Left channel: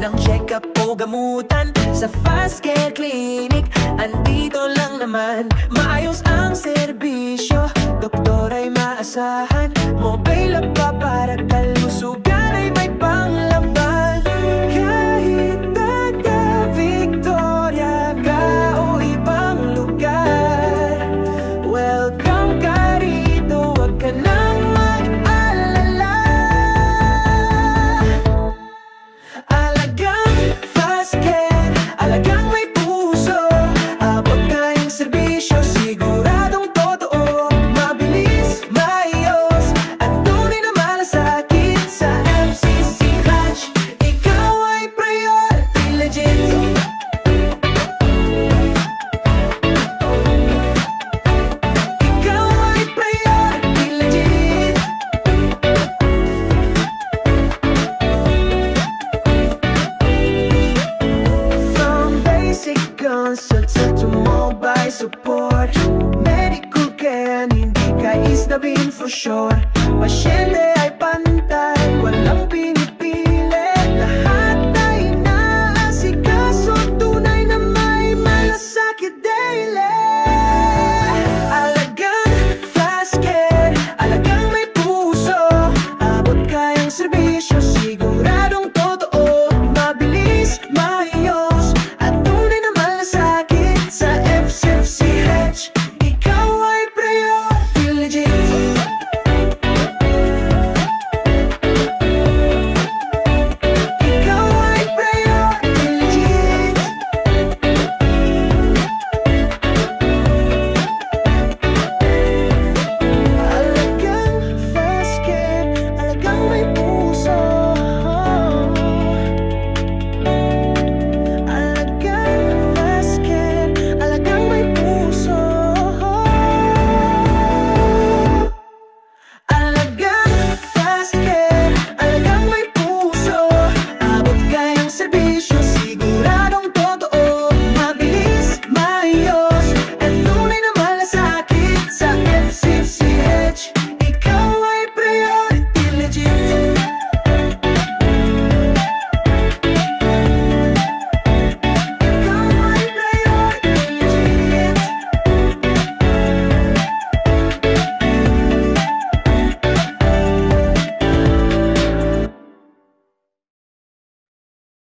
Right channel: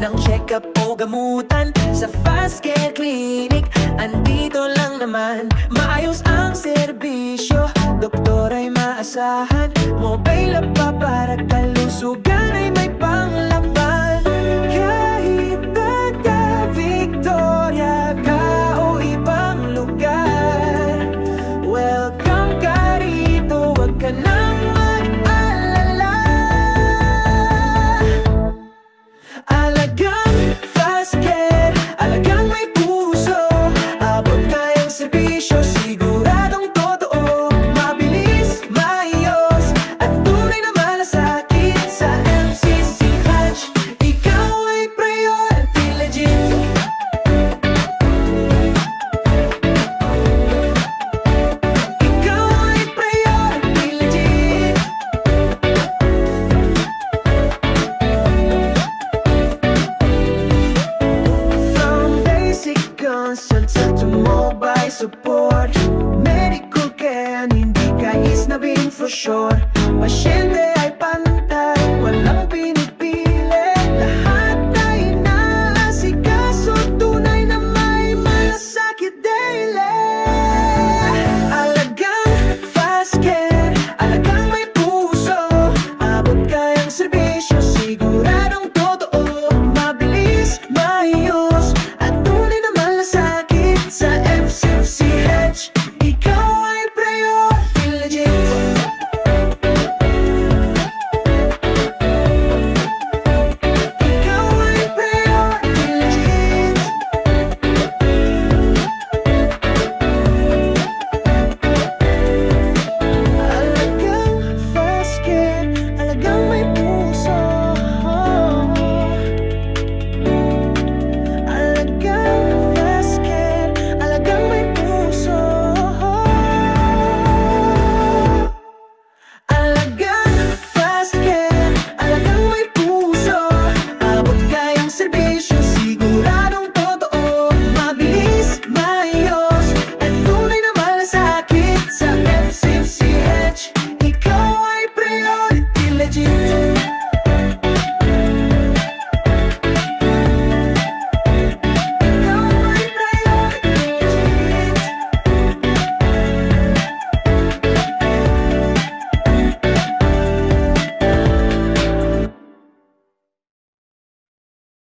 ng check-up o gamutan sa Fast Care Clinic. Andito lang naman, maayos ang serbisyo, doktor ay maasahan, mobile app pa para kalusugan ay may panglaban. Kahit taga Victoria ka o ibang lugar, welcome ka rito, wag ka nang mag-alala. Alagang Fast Care, alagang may puso, abot kayang serbisyo, siguradong totoo, mabilis, maayos, at tunay na malasakit sa FCCH. Ikaw ay priority legit. Ikaw ay priority legit. From basic consultation to mobile support, medical care, hindi ka isnabin for sure. Pasyente